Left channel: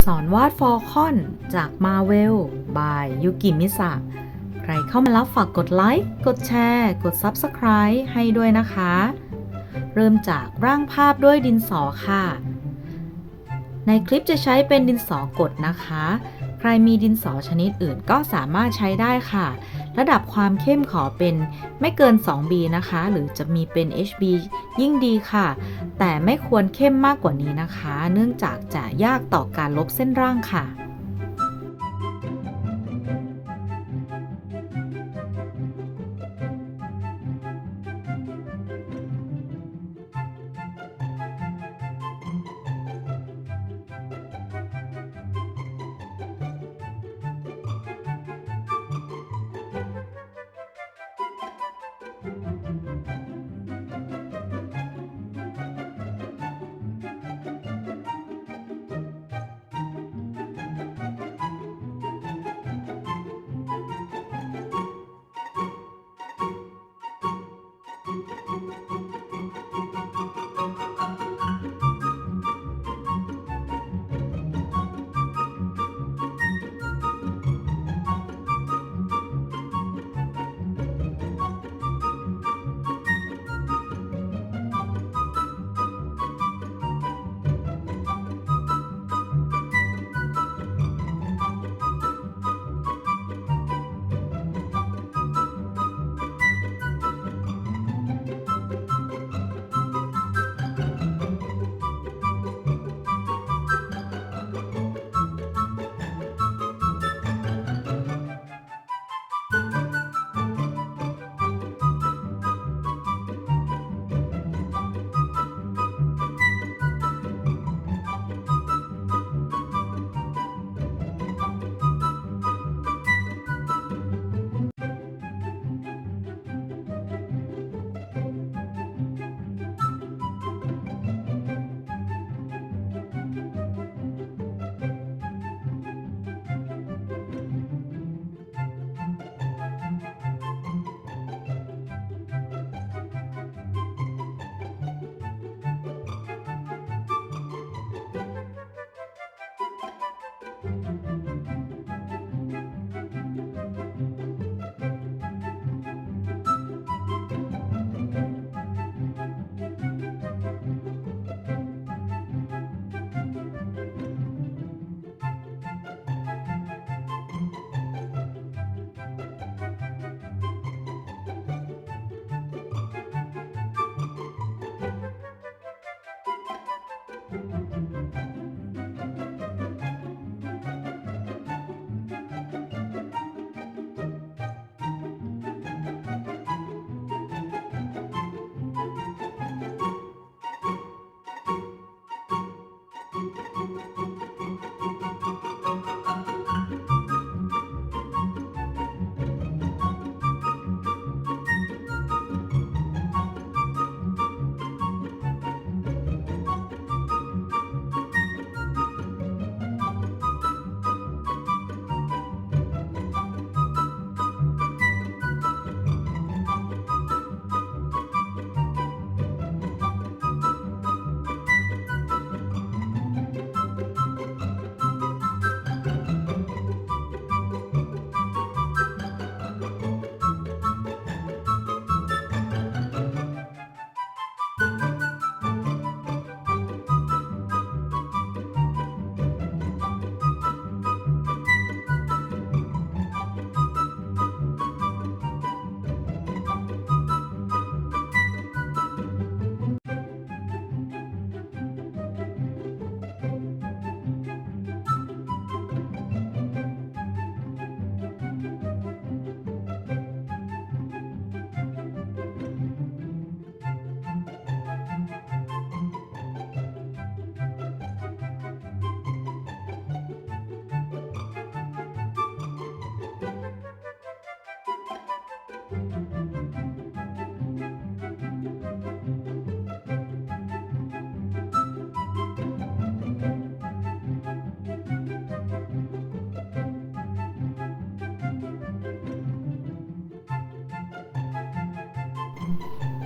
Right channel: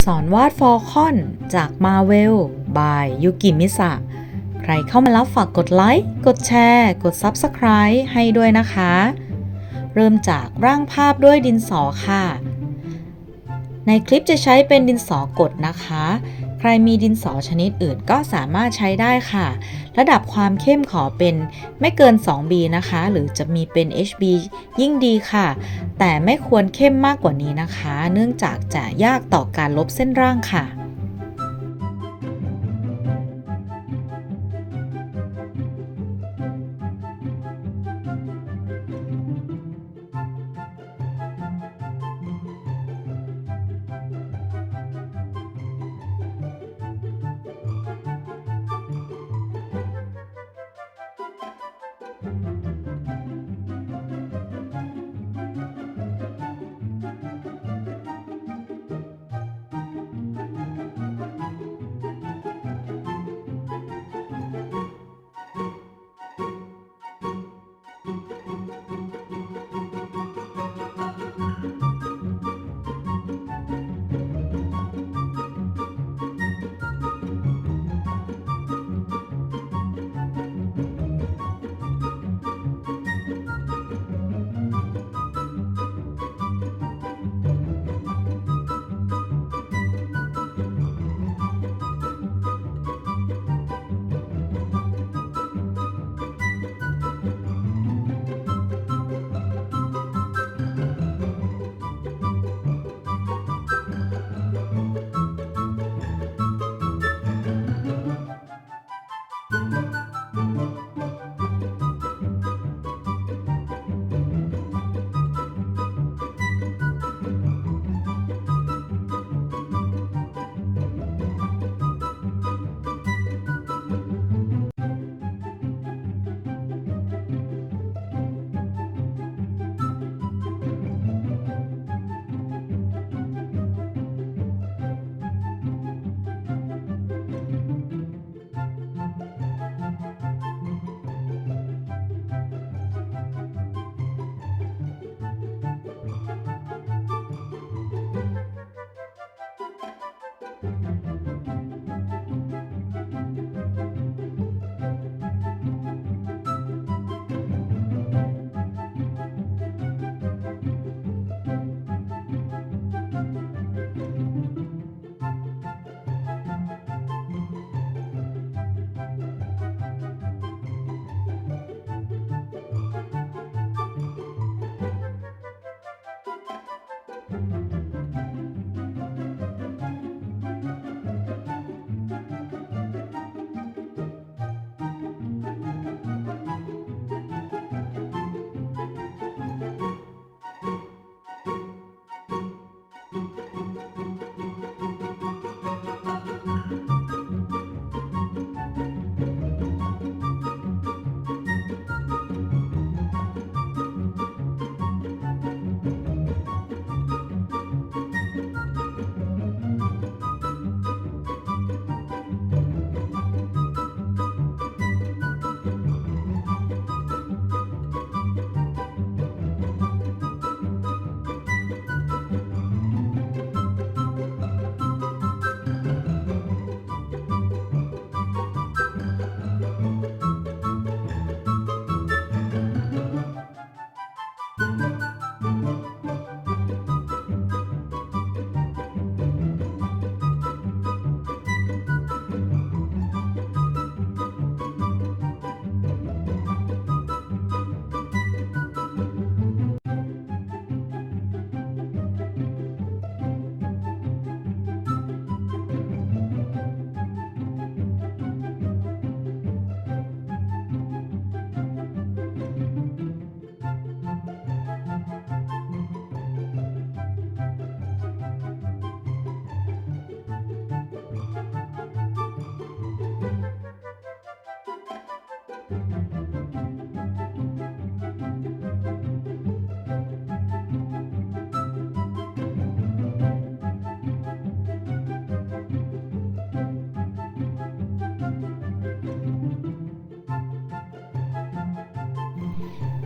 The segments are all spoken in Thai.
สอนวาดฟอลคอนจากมาเวลบายยุกิมิสะใครเข้ามาแล้วฝากกดไลค์ กดแชร์ กด Subscribe ให้ด้วยนะคะ เริ่มจากร่างภาพด้วยดินสอค่ะ ในคลิปจะใช้เป็นดินสอกดนะคะ ใครมีดินสอชนิดอื่นก็สามารถใช้ได้ค่ะ ระดับความเข้มขอเป็นไม่เกิน 2B นะคะ หรือจะมีเป็น HB ยิ่งดีค่ะ แต่ไม่ควรเข้มมากกว่านี้นะคะ เนื่องจากจะยากต่อการลบเส้นร่างค่ะ ค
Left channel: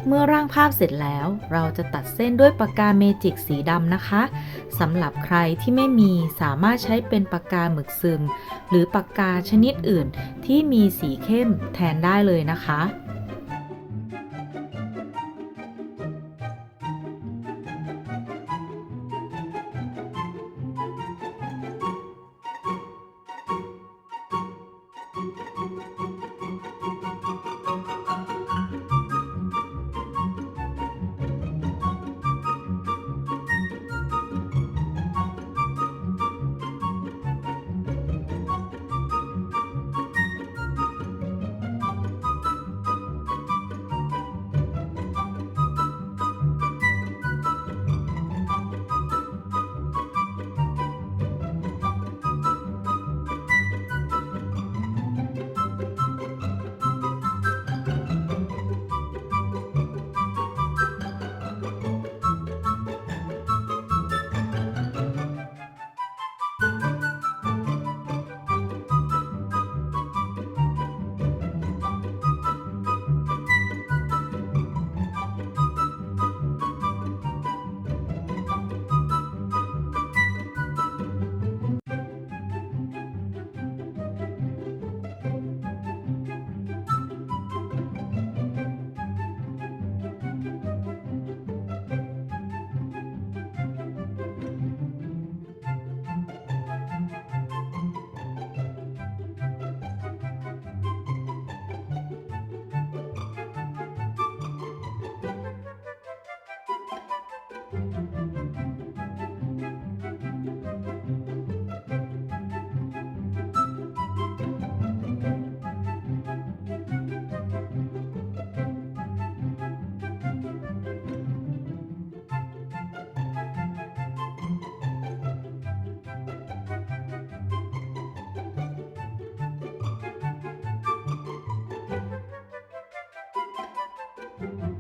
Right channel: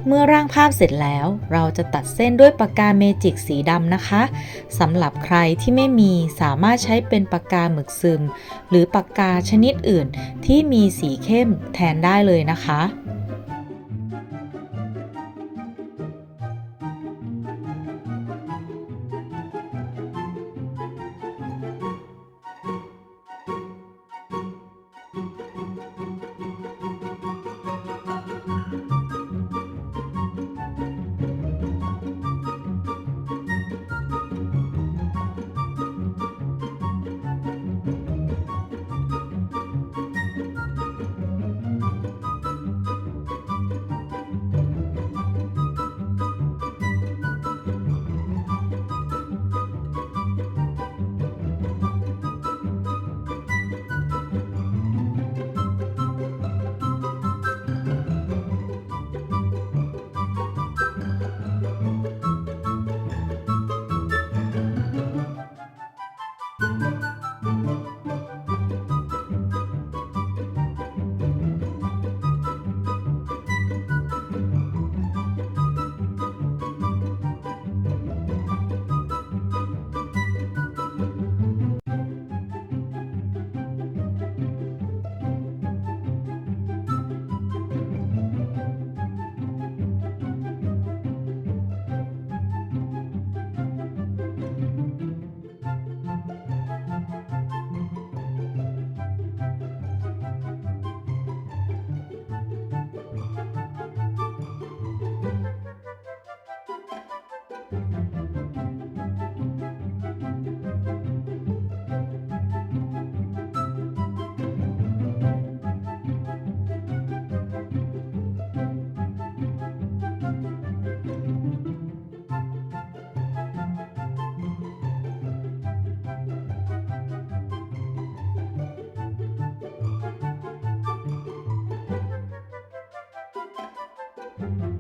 เมื่อร่างภาพเสร็จแล้ว เราจะตัดเส้นด้วยปากกาเมจิกสีดำนะคะสำหรับใครที่ไม่มีสามารถใช้เป็นปากกาหมึกซึม หรือปากกาชนิดอื่นที่มีสีเข้มแทนได้เลยนะคะ thank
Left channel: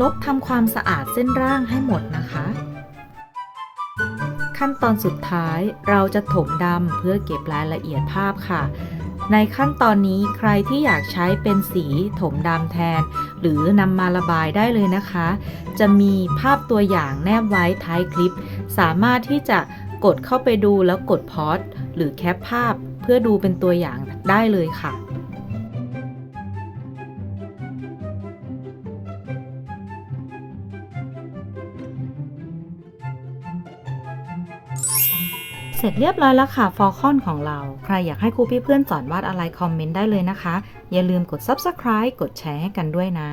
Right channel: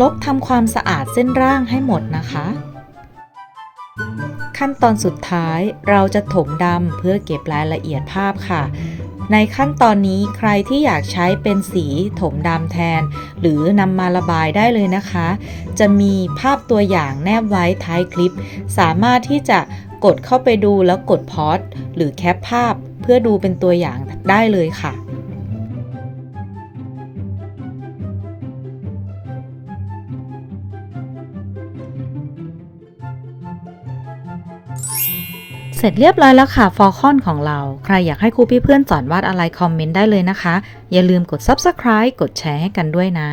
ลบทำความสะอาดเส้นร่างให้หมดนะคะ ขั้นตอนสุดท้ายเราจะถมดำเพื่อเก็บรายละเอียดภาพค่ะ ในขั้นตอนนี้ใครที่อยากใช้เป็นสีถมดำแทน หรือนำมาระบายได้เลยนะคะ จะมีภาพตัวอย่างแนบไว้ท้ายคลิป สามารถที่จะกดเข้าไปดูแล้วกดพอสหรือแคปภาพเพื่อดูเป็นตัวอย่างได้เลยค่ะ เสร็จเรียบร้อยแล้วค่ะฟอลคอนของเรา ใครอยากให้ครูพี่เพื่อนสอนวาดอะไรคอมเมนต์ได้เลยนะคะ อย่าลืมกด Subscribe กดแชร์ให้กันด้วยนะ